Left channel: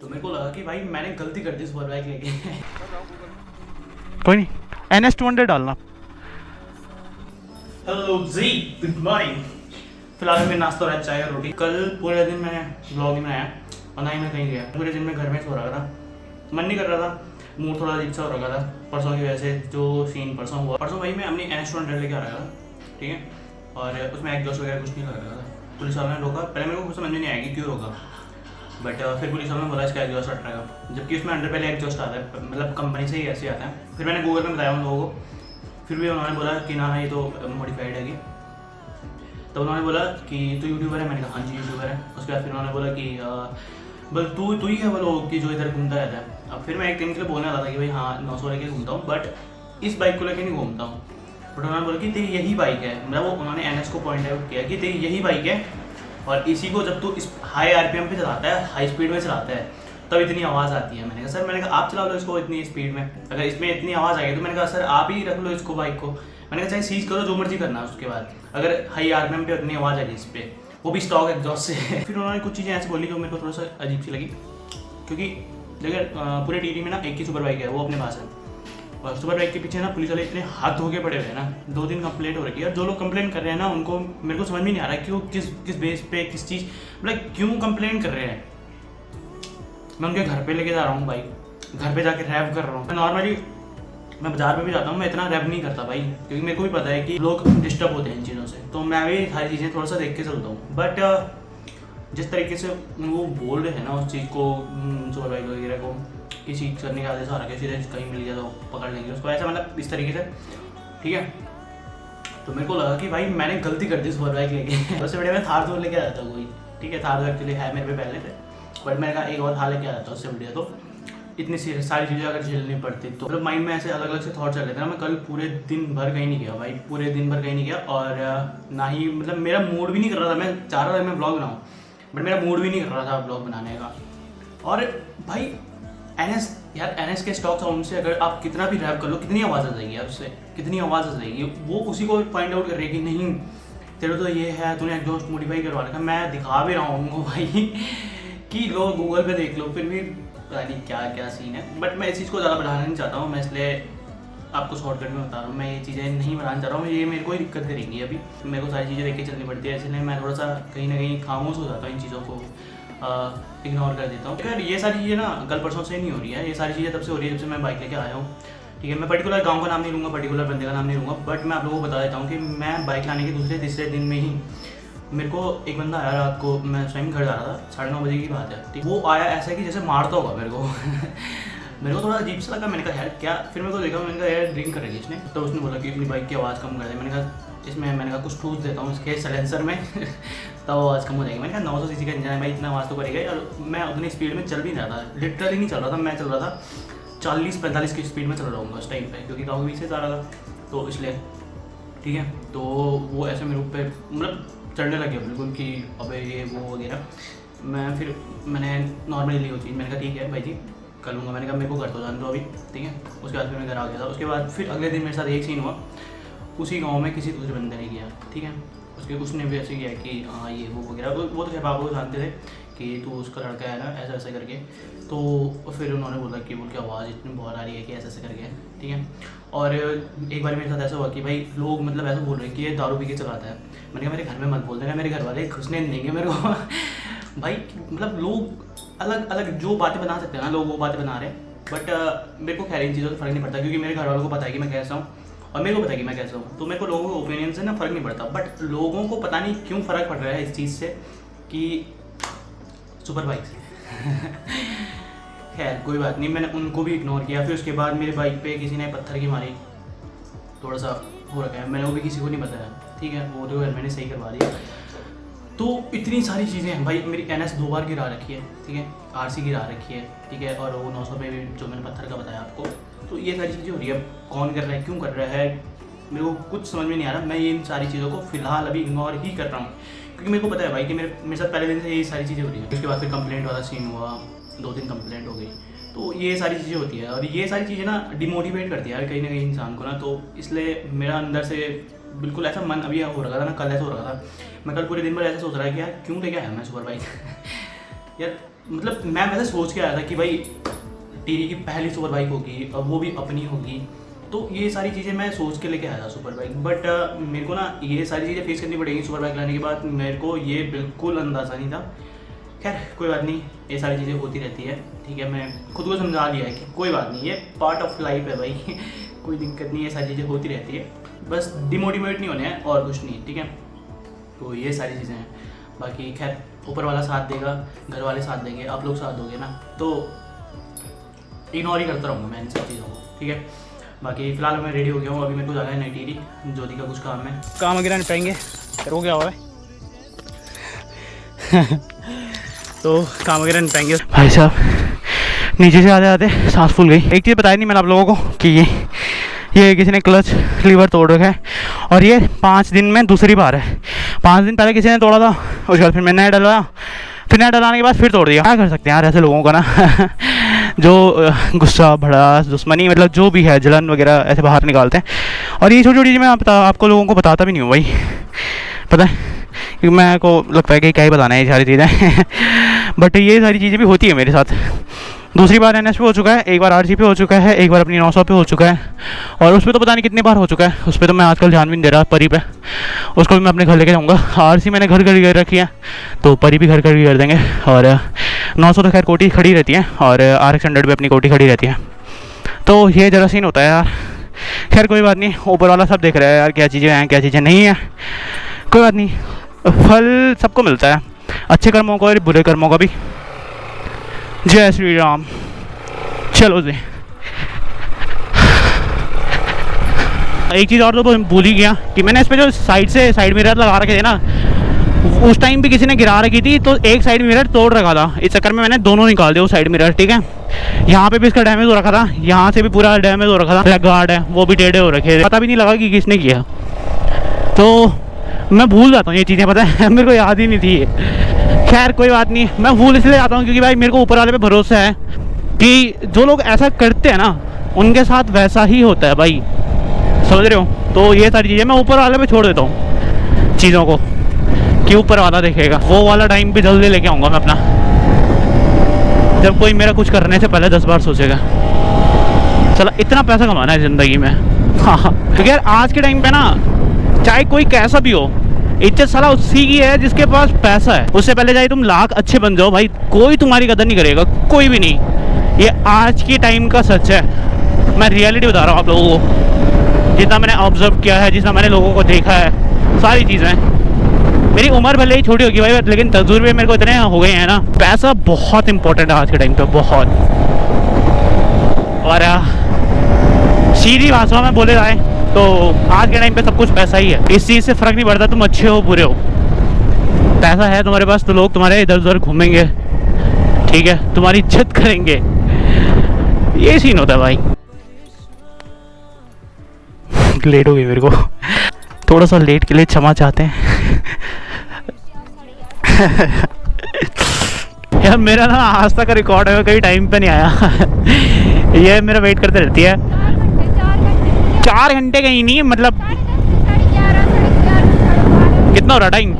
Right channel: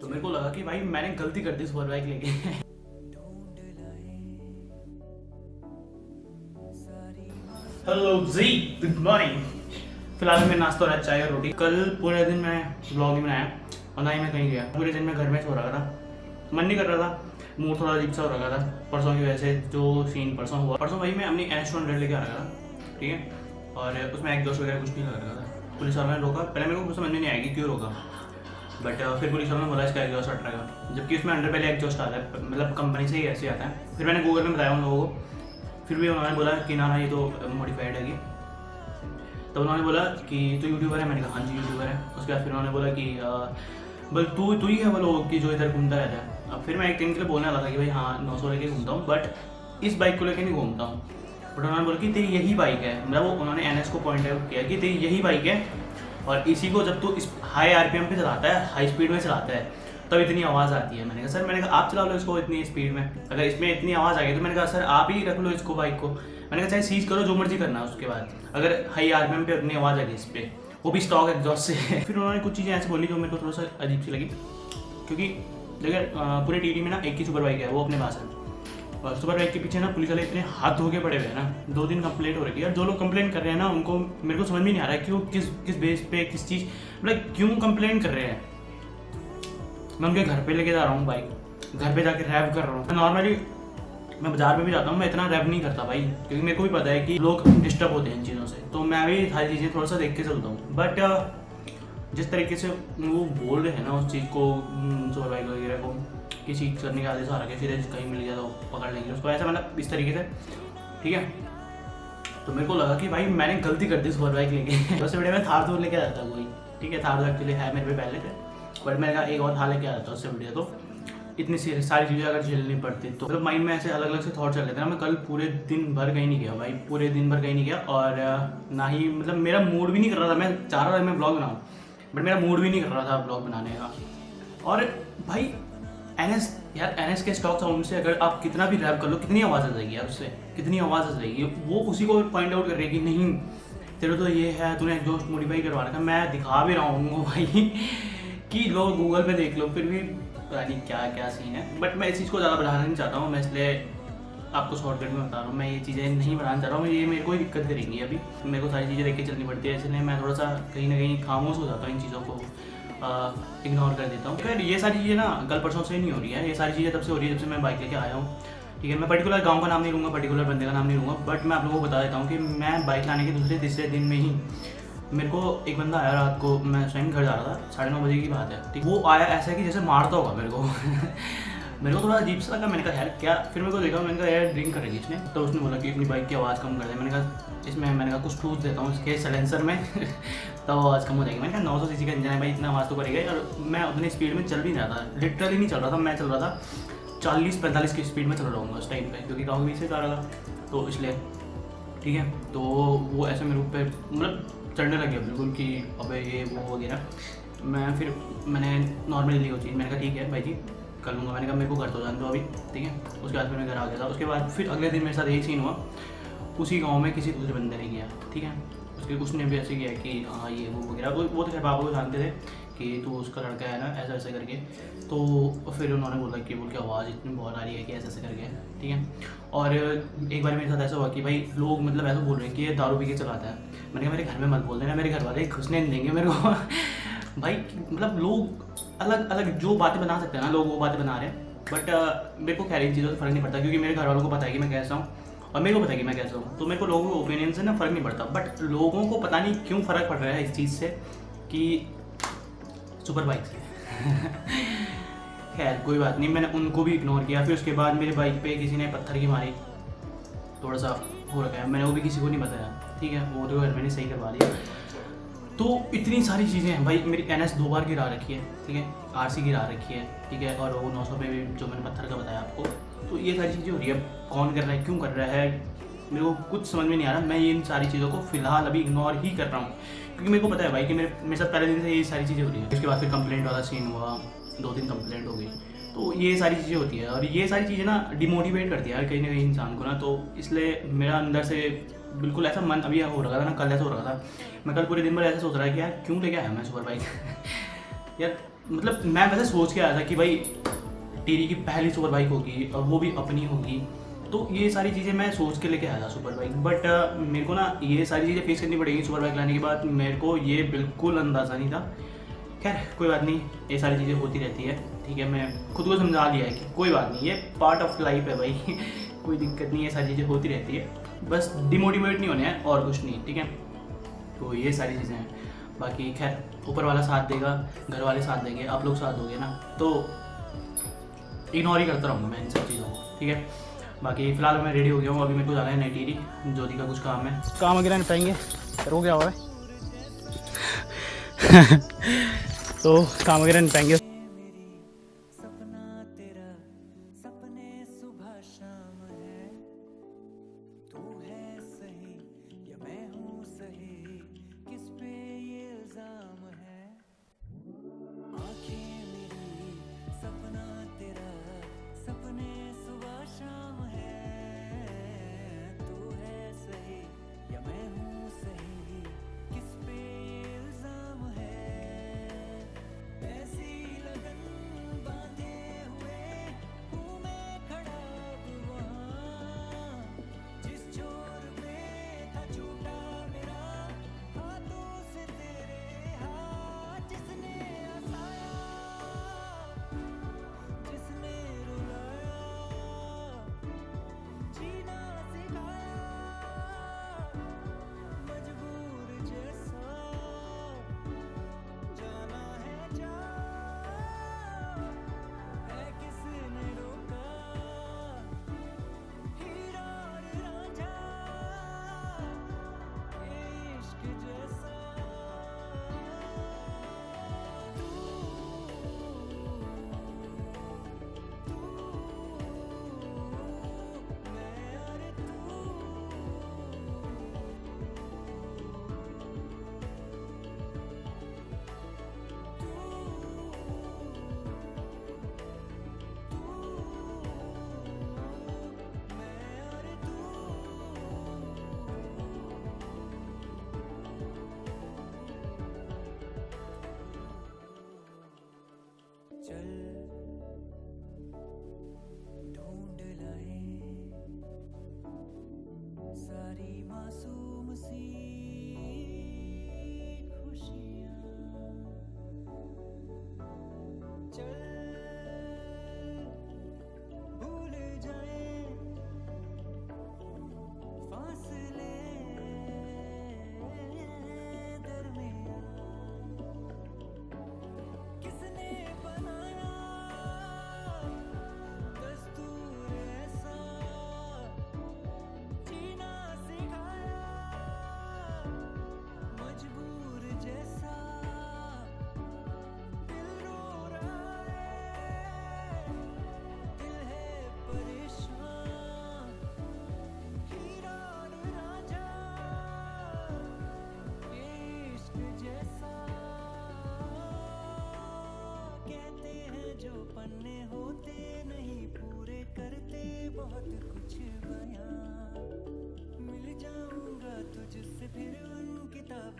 तो मेरे को लगा कि भाई मैंने गलती कर दी सुपर बाइक लेके। कोई नहीं, NS 200 डालना। हेलो जी, गुड मॉर्निंग। फिलहाल मैं नाश्ता हो रहा है, चाय और रोटी। कल पूरे दिन मैं व्लॉग नहीं बनाया और ना ही मैं कहीं गया। पूरे दिन मैं घर में सो रहा था, मन नहीं कर रहा था, मूड थोड़ा अजीब सा हो रहा था परसों की वजह से। जो सीन परसों हुआ, परसों भाई मैं अपनी NS 200 लेके आ रहा था, ठीक है, और उसमें एग्जॉस्ट वगैरह कुछ नहीं लग रहा था। पुलिस वालों ने रोका, पहले मेरे को कुछ समझ में नहीं आएगी क्यों रोका, बट फिर पुलिस वालों ने बोला इसका एग्जॉस्ट हट रहेगा, जबकि उसमें अंडर पहले एग्जॉस्ट आता है, मतलब कंपनी से ही ऐसे आता है। फिर मैंने गूगल में बताया उन लोगों को, फिर भी उन्होंने बोला कि ना ये तो मॉडिफाइड है। तो उन्होंने बोला कि तू यूट्यूबर है, मैंने कहा हाँ जी यूट्यूबर है। उसके बाद फिर उन्होंने बोला कि बल तू ही है वो लोग कि जो इधर घूमता रहता है। अब फिर मैं एक दिन के लिए बोलने वाला था कि भाई हाँ 900 लेके घूमता हूँ, बट इस बाइक को लेके नहीं घूमता हूँ। बट उन्होंने बोला कि तेरी यही बाइक है, मतलब वो उन्होंने NS को पॉइंट आउट किया कि तेरी यही बाइक है, और इसी को जब तू इस हाई RPM पे चलाता है, हाई स्पीड में चलाता है, तब इतनी आवाज़ आती है। मैंने कहा सर, मैंने कहा आप चला लो इसको इतनी स्पीड में, अगर इसमें इतनी आवाज़ आ गई तो मैंने कहा सर आप ही रख लो इसको बाइक को। मैंने कहा चाहे सीज करो, जो मर्जी करना है। उसके बाद अगर हाई RPM पे उतनी आवाज़ आ गई इस पर, वो भी स्टॉक एग्जॉस्ट से। फिर उन्होंने कुछ चीज़ें ऐसे बोली जो मेरे को थोड़ा सा अजीब सी लगी, क्योंकि देखिए पूरे टीवी में ना एक ही सुपर बाइक है, वो अपने पास है, और सुपर बाइक के पीछे ना पुलिस वाले इतने हाथ धो के पड़े हुए हैं ना। 2 दिन कंप्लेंट हो रही है, और जो लोग कंप्लेंट कर रहे हैं ना उनको मेरे को समझ में नहीं आ रहा है कि वो किस बेस पे, किस चीज़, मतलब क्यों कंप्लेंट कर रहे हैं। मैं उनके घर पे लेके जा रहा हूँ बाइक, घर पे जाके रैप कर रहा हूँ। नॉर्मली मैं बाजार में भी जाता हूँ, मैं इतना रैप नहीं करता भाई, क्योंकि मेरे को भी पता है कि लोग डिस्टर्ब होते हैं इन चीज़ों से, तो मैं भी सारी चीज़ें थोड़ा सा देख के चलता हूँ। बट जिस तरीके से वो बोल रहे हैं ना उस चीज़ को, सुपर बाइक वगैरह को, किसी चीज़ करने का आदेश आ रहा है, सीधे कहीं मिल गया तो पकड़ लेंगे उसको, ऐसा मतलब इस तरीके से, ठीक है। तो मेरे को लगा कि भाई मैंने गलती कर दी सुपर बाइक लेके। सबसे बढ़िया मैं थार तो लेके आ जाता कोई, ठीक है, थार तो एक्चुअली है मेरे पे पहले से, बट मैंने कहा एक और थार लेके आ जाता उससे बढ़िया। तो इतनी सारी चीज़ें अगर झेलनी पड़ती तो मतलब माइंड में ऐसे अलग अलग से थॉट चल रहे थे ना। मैं कल पूरे दिन भर कहीं नहीं गया भाई, पूरे दिन भर कहीं नहीं गया, और ना ही मतलब मेरा मूड भी नहीं कर रहा था। मैं चाह रहा था मैं ब्लॉग बनाऊँ, बट मेरा मूड भी नहीं कर रहा था ब्लॉग बनाने का। और भाई NS के स्टॉक साउंड से अगर आप कितना भी रैप कर लो, कितनी आवाज़ आ जाएगी यार, उससे कितनी आवाज़ आ जाएगी। वो उसी को पॉइंट आउट कर रही है कि नहीं तेरे तो ये है, तूने एग्जॉस्ट मॉडिफाई करवा रखा। मैं दिखा भी रहा हूँ उनको भाई कि लोग गूगल पे देख लो, फिर भी पता नहीं क्या क्या सीन है। बट मैं इस चीज़ को ज़्यादा बढ़ाना नहीं चाहता हूँ, मैं इसलिए आपको शॉर्टकट में बता रहा हूँ। मैं ये चीज़ें नहीं बनाना चाह रहा हूँ, ये मेरे को ही दिक्कत करेंगी। अभी मेरे को सारी चीज़ें देख के चलनी पड़ती है, इसलिए मैं थोड़ा सा कहीं ना कहीं खामोश हो जाता हूँ, इन चीज़ों को इग्नोर कर देता हूँ। खैर ये सारी चीज़ें ना कल परसों से नहीं हो रही है, ये सारी चीज़ें तब से हो रही है जब से मैं बाइक लेके आया हूँ, ठीक है। मैं पर्टिकुलर गांव का नाम नहीं लूँगा, पर्टिकुलर बंदे का नाम नहीं लूँगा, बट मैं आप लोगों को बता देता हूँ कि मैं बाइक लाने के दूसरे तीसरे दिन में ही मेरे को एक बंदा आया रात को, मैं उस टाइम घर जा रहा था, 9:30 बजे की बात है, ठीक। वो आया ऐसा कि जैसे मारता होगा मेरे को। मेरे को थोड़ा अजीब सा लगा, मैंने कहा यार क्या, फिर मेरे को देखा, मैंने कहा यार ड्रिंक कर रही है इसने। तो उसने बोला कि अपनी बाइक की आवाज़ कम कर दे। मैंने कहा इसमें, मैंने कहा कुछ ठूस देता हूँ इसके साइलेंसर में तब आवाज़ कम हो जाएगी। मैंने कहा 900 सीसी का इंजन है भाई, इतना आवाज़ तो करेगा। और मैं उतनी स्पीड में चल भी नहीं रहा था, लिटरली नहीं चल रहा था, मैं चल रहा था 40-45 की स्पीड में चल रहा हूँ उस टाइम पे, क्योंकि गाँव के बीच से जा रहा था, तो इसलिए, ठीक है। तो वो ऐसे मेरे ऊपर मतलब चढ़ने लग गया बिल्कुल कि अबे ये वो वगैरह। मैंने नॉर्मली ली वो चीज़, मैंने कहा ठीक है भाई जी कर लूँगा। मैंने कहा मेरे को घर तो जान दो अभी, ठीक है। उसके बाद फिर मैं घर आ गया था। उसके बाद फिर अगले दिन मेरे साथ एक सीन हुआ, उसी गांव में किसी दूसरे बंदे ने किया, ठीक है। उसके कुछ ने भी ऐसे किया कि हाँ ये वो वगैरह, वो तो खैर बाबू को जानते थे कि तू उसका लड़का है ना, ऐसा ऐसा करके। तो फिर उन्होंने बोला कि बोल के आवाज़ इतनी बहुत आ रही है कि ऐसे ऐसे करके, ठीक है। और एक बार मेरे साथ ऐसा हुआ कि भाई लोग मतलब ऐसा बोल रहे हैं कि ये दारू पी के चलाता है। मैंने कहा मेरे घर में मत बोल देना, मेरे घर वाले घुसने नहीं देंगे मेरे को। भाई मतलब लोग अलग अलग जो बातें बना सकते हैं ना, लोग वो बातें बना रहे हैं। बट मेरे को खैर इन चीज़ों से फ़र्क नहीं पड़ता, क्योंकि मेरे घर वालों को पता है कि मैं कैसा हूँ, और मेरे को पता है कि मैं कैसा हूँ। तो मेरे को लोगों के ओपिनियन से ना फ़र्क नहीं पड़ता। बट लोगों को पता नहीं क्यों फ़र्क पड़ रहा है इस चीज़ से कि सुपर बाइक से। खैर कोई बात नहीं, मैंने उनको भी इग्नोर किया। फिर उसके बाद मेरे बाइक पे किसी ने पत्थर की मारी, थोड़ा सा हो रखा है, मैंने वो भी किसी को नहीं बताया, ठीक है। वो तो मैंने सही करवा दिया। तो इतनी सारी चीज़ें हैं भाई। मेरी NS 2 बार गिरा रखी है, ठीक है, RC गिरा रखी है, ठीक है, और वो 900 पे भी जो मैंने पत्थर का बताया आपको। तो ये सारी चीज़ें हो रही है। कौन कर रहा है, क्यों कर रहा है, मेरे को कुछ समझ में नहीं आ रहा। मैं ये इन सारी चीज़ों को फ़िलहाल अभी इग्नोर ही कर रहा हूँ, क्योंकि मेरे को पता है भाई कि मेरे साथ पहले दिन से यही सारी चीज़ें हो रही हैं। उसके बाद फिर कंप्लेंट वाला सीन हुआ, 2 दिन कंप्लेंट हो गई। तो ये सारी चीज़ें होती है, और ये सारी चीज़ें ना डिमोटिवेट करती है यार कहीं ना कहीं इंसान को ना। तो इसलिए मेरा अंदर से बिल्कुल ऐसा मन अभी हो रहा था ना, कल ऐसा हो रहा था। मैं कल पूरे दिन भर ऐसे सोच रहा है कि यार क्यों लेके आया मैं सुपर बाइक। यार मतलब मैं वैसे सोच के आया था कि भाई टीरी की पहली सुपर बाइक होगी और वो भी अपनी होगी, तो ये सारी चीज़ें मैं सोच के लेके आया था सुपर बाइक। बट मेरे को ना ये सारी चीज़ें फेस करनी पड़ेगी सुपर बाइक लाने के बाद। मेरे को ये बिल्कुल अंदाज़ा नहीं था। खैर कोई बात नहीं, ये सारी चीज़ें होती रहती है, ठीक है। मैं खुद को समझा लिया है कि कोई बात नहीं, ये पार्ट ऑफ लाइफ है भाई कोई दिक्कत नहीं है, ये सारी चीज़ें होती रहती है, बस डिमोटिवेट नहीं होने हैं और कुछ नहीं, ठीक है। तो ये सारी चीज़ें हैं। बाकी खैर ऊपर वाला साथ देगा, घर वाले साथ देंगे, आप लोग साथ दोगे ना, तो इग्नोर ही करता रहूँगा मैं इन सब चीज़ों को, ठीक है। बाकी फ़िलहाल मैं रेडी हो गया हूँ, अभी मेरे को जाना है नई टीरी, ज्योति का कुछ काम है, काम वगैरह निपटाएंगे, हो गया हुआ है तो काम वगैरह निपटाएंगे। भाई साहब नीचे से आते आते सांस फूल गई। एक चीज़ बताई नहीं मैंने आप लोगों को कि ये किसी ने क्लच लीवर तोड़ रखा है, और ये 5 दिन में दूसरी बार है। 5 दिन पहले किसी ने तोड़ा था, उसके बाद फिर मैंने नया डलवाया, फिर नया डलाने के बाद फिर तोड़ दिया। क्या कर सकते हैं यार ऐसे लोगों का ना जो गुस्सा भड़ास दुश्मनी मतलब जो भी है जलन वगैरह ऐसे बाहर निकालते हैं। और ये छोटी छोटी चीज़ें मैं आपको लोगों को बताता भी नहीं हूँ भाई, पता है, क्योंकि मेरे को लगता है कि क्या ही बताना है ये सारी चीज़ें बट ये सारी चीज़ें भी होती है मेरे साथ। दूसरी बार NS पे हो चुका है, एक बार RC पे हो चुका है, एक बार अपनी 900 पे हो चुका है, और उस पर तो पता नहीं कितनी बार हो चुका है। उस पर तो मैं आजकल ध्यान भी नहीं दे रहा। परी पे उसको भी मैं अपने घर लेके जाऊँगा। RC मैंने घर कर रखी है, तो परी भी घर कर देंगे। और 900 तो खैर कोटी खड़ी रहती है, और RX 100 पे अपनी कोटी खड़ी रहती है। तो ये ज़रा सीन होता है यार। खैर कोई बात नहीं, ऊपर वाला सब देख रहा है यार, क्या चीज़ें हैं क्या चीज़ें नहीं हैं। कोई बात नहीं, फल सबको मिलता है, अच्छे कर्मों का और बुरे कर्मों का भी। जय श्री राम। चलो जी, एक चीज़ और तो भूल ही गया कि मैंने इस पे जो साइड मिरर लगा रखे थे ना, उस टाइम भी किसी ने गिरा रखी थी, तो एक साइड मिरर तोड़ रखा था। इस चक्कर में मैंने दोनों निकाल दिया वो साइड मिरर, ठीक है। यहाँ पे भी इसका डैमेज हो रखा था, यहाँ से भी पूरा डैमेज हो रखा था। लेग गार्ड है वो भी टेढ़े हो रखे थे, पता भी नहीं लगा कि किसने किया। तो मैं भूल जाता हूँ ये चीज़ें, पता है मेरे को याद ही नहीं थी। खैर कोई बात नहीं, मैं भूल इसलिए जाता हूँ क्योंकि भाई मेरे को ऊपर वाले पे भरोसा है कि जो लोग ऐसा करते हैं ना उनके साथ वैसा ही होता है भाई, समझ रहे हो। तो ये सारी चीज़ें मैं ऊपर वाले पे छोड़ देता हूँ चीज़ों को, कि ऊपर वाला देखेगा। वो वाला टाइम भी जल्दी लेके आऊँगा मैं अपना, जब कोई मेरा कुछ करने से पहले 10 बार सोचेगा। चलो इतना पैसा कमाना है ज़िंदगी में, हाँ। क्योंकि यार आज के टाइम पे ना चाहे कोई कैसा भी हो, इज्जत साला उसी की है जिसके पास पैसा है। उससे पहले चाहे तुम लाख अच्छे बन जाओ भाई, कोई तुम्हारी कदर नहीं करेगा, कोई भी नहीं। ये आज की टाइम का सच है, मैं रियलिटी बता रहा हूँ आप लोगों को। जितना मैंने ऑब्जर्व किया है, जितना मैंने लोगों को देखा है, सारी चीज़ें। मेरी उम्र भले ही छोटी होगी भाई, लेकिन तजुर्बे मेरे को इतने हो गए हैं ना। पैसा बहुत इंपॉर्टेंट है आज के टाइम पे, बहुत। और सीधी भाषा में बोले जाए तो आज के टाइम पे सब कुछ पैसा ही है। इस चीज़ से फ़र्क नहीं पड़ता तुम अच्छे हो बुरे हो, पैसा है तुम्हारे पास तो लोग तुम्हारे इधर उधर घूमेंगे, ठीक है, तुम्हारी इज्जत करेंगे। ये सीन होता है भाई। लेट हो गई मेरे को, थोड़ा सा लेट के लिए क्षमा चाहते हैं यार मेरा ना आज तक का रिकॉर्ड है, कहीं टाइम पे नहीं आया ये मेरा वेट करते रहती है। 4 घंटे कहीं नहीं, मतलब कितना हो रहा टाइम?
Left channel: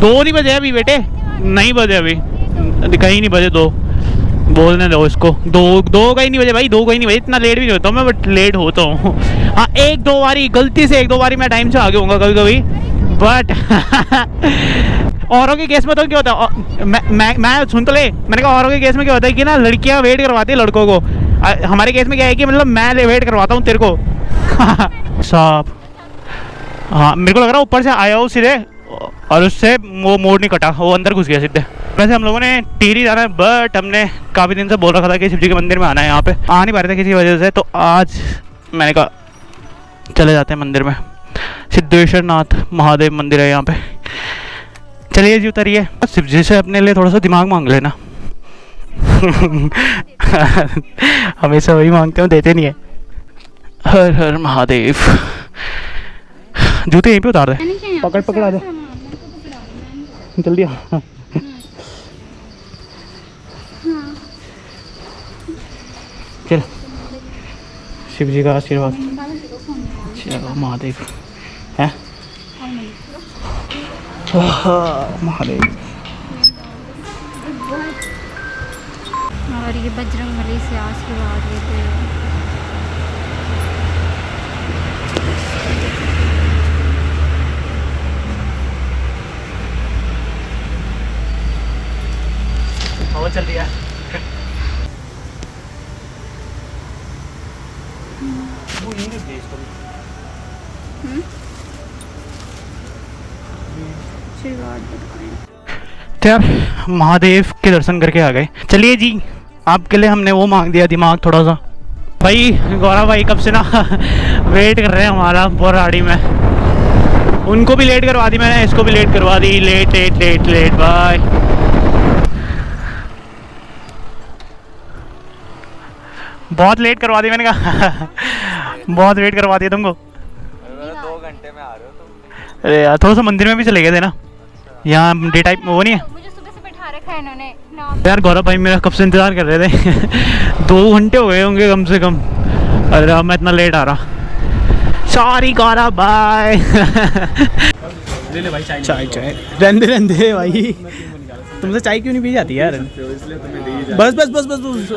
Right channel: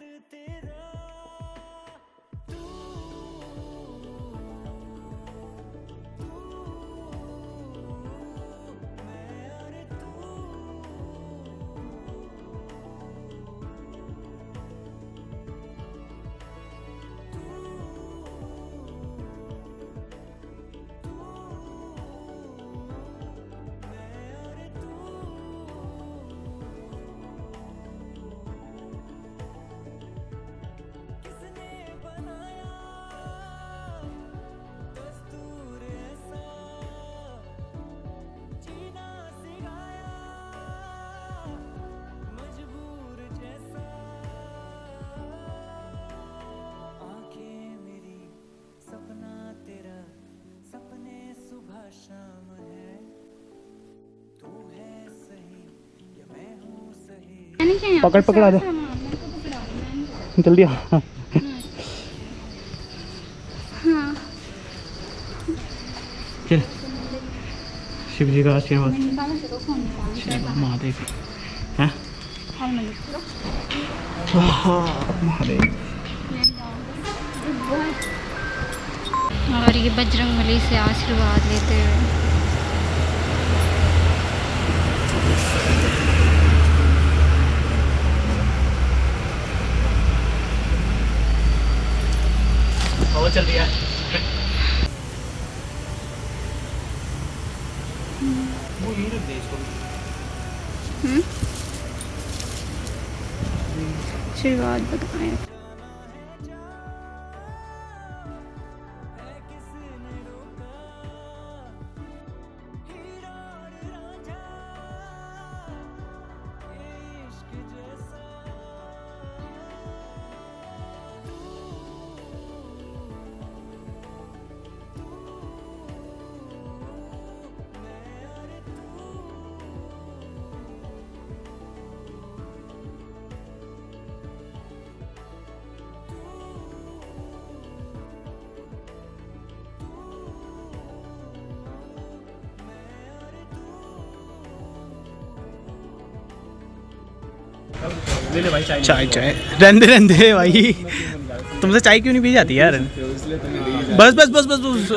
2 नहीं बजे अभी बेटे, नहीं बजे अभी, कहीं नहीं बजे 2, बोलने दो इसको। 2 कहीं नहीं बजे भाई, 2 कहीं नहीं बजे। इतना लेट भी नहीं होता मैं, बट लेट होता हूँ। हाँ 1-2 बारी गलती से 1-2 बारी मैं टाइम से आगे होऊंगा कभी कभी, बट औरों के केस में तो क्या होता है, मैं सुन तो ले, मैंने कहा औरों के केस में क्या होता है कि ना लड़कियाँ वेट करवाती है लड़कों को। हमारे केस में क्या है कि मतलब मैं वेट करवाता हूँ तेरे को साहब। हाँ मेरे को लग रहा है ऊपर से आया हूँ सीधे, और उससे वो मोड़ नहीं कटा, वो अंदर घुस गया सीधे। वैसे हम लोगों ने टिहरी जाना है, बट हमने काफ़ी दिन से बोल रखा था कि शिव जी के मंदिर में आना है। यहाँ पे आ नहीं पा रहे थे किसी वजह से, तो आज मैंने कहा चले जाते हैं मंदिर में। सिद्धेश्वर नाथ महादेव मंदिर है यहाँ पे। चलिए जी उतरिए। शिव जी से अपने लिए थोड़ा सा दिमाग मांग लेना हमेशा वही मांगते हो, देते नहीं है। हर हर महादेव। जूते यहीं पे उतार दे, पकड़ा दे जल्दी। हाँ चल, शिव जी का आशीर्वाद। महादेव है, महादेव और ये बजरंगबली से आशीर्वाद लेते हुए हवा चल रही है। वो यहीं रख दे इसको। आशीर्वाद बताएं। तो यार महादेव के दर्शन करके आ गए। चलिए जी, आपके लिए हमने वो मांग दिया दिमाग थोड़ा सा। भाई गौरव भाई कब से ना वेट कर रहे हैं हमारा बोराड़ी में। उनको भी लेट करवा दी मैंने, इसको भी लेट करवा दी। Late late late late bye. बहुत लेट करवा दी मैंने कहा बहुत वेट करवा दिया तुमको। 2 घंटे में आ रहे हो तुम। अरे यार थोड़ा सा मंदिर में भी चले गए थे ना, यहाँ डे टाइप वो नहीं है। मुझे सुबह से बैठा रखा है इन्होंने। यार गौरव भाई मेरा कब से इंतज़ार कर रहे थे 2 घंटे हो गए होंगे कम से कम। अरे अब मैं इतना लेट आ रहा, सॉरी गौरव बाय। ले ले भाई चाय। चाय चाय रहने भाई, तुमसे चाय क्यों नहीं पी जाती यार? बस बस बस बस, बस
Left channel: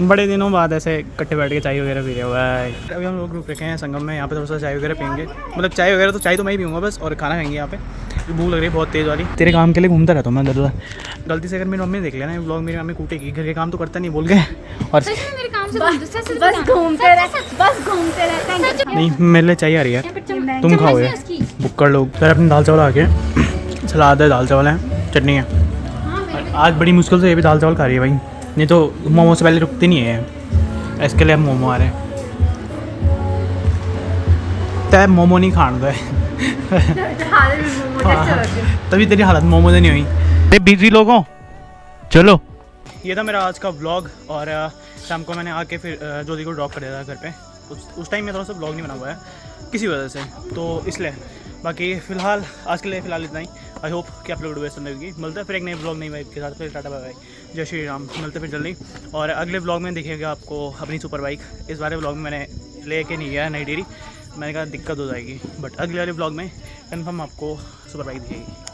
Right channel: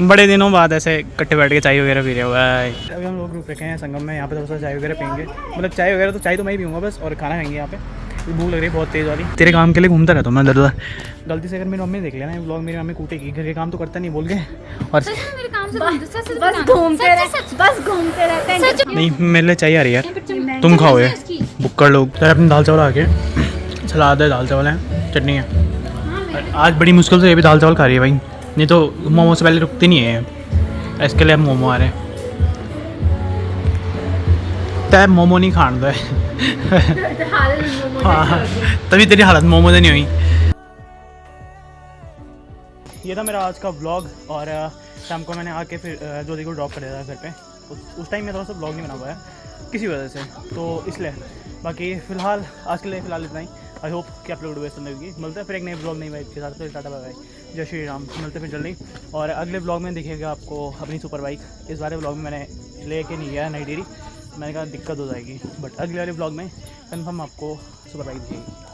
बड़े दिनों बाद ऐसे इकट्ठे बैठ के चाय वगैरह पी रहे हो भाई। अभी हम लोग रुक रखे हैं संगम में, यहाँ पे थोड़ा सा चाय वगैरह पीएंगे। मतलब चाय वगैरह तो चाय तो मैं ही पीऊँगा बस, और खाना खाएंगे यहाँ पे। भूख लग रही है बहुत तेज़ वाली। तेरे काम के लिए घूमता रहता हूँ मैं इधर उधर। गलती से अगर मेरी मम्मी देख लेना ब्लॉग, मेरी मम्मी कूटेगी, घर के काम तो करता नहीं बोल के। और सच में मेरे काम से बस घूमते रहते हैं। नहीं मेरे लिए चाहिए आ रही यार, तुम खाओ ये बुक्कड़ लोग। सर अपने दाल चावल आके, सलाद है, दाल चावल है, चटनी है। आज बड़ी मुश्किल से ये भी दाल चावल खा रही है भाई, नहीं तो मोमो से पहले रुकती नहीं है। इसके लिए अब मोमो आ रहे हैं। तय मोमो नहीं खान दो हाँ, तभी तेरी हालत मोमो से नहीं हुई। अरे बिजी लोग हो, चलो। ये था मेरा आज का व्लॉग। और शाम को मैंने आके फिर ज्योति को ड्रॉप कर दिया था घर पे। उस टाइम में थोड़ा सा व्लॉग नहीं बना हुआ है किसी वजह से, तो इसलिए। बाकी फ़िलहाल आज के लिए फ़िलहाल इतना ही। आई होप कि आप लोग वीडियो पसंद आएगी। मिलते हैं फिर एक नए ब्लॉग नई बाइक के साथ। फिर टाटा बाय बाय, जय श्री राम। मिलते फिर जल्दी। और अगले ब्लॉग में देखिएगा आपको अपनी सुपर बाइक। इस बारे ब्लॉग में मैंने लेके नहीं गया नई डेरी, मैंने कहा दिक्कत हो जाएगी, बट अगले वाले ब्लॉग में कंफर्म आपको सुपर बाइक दिखेगी।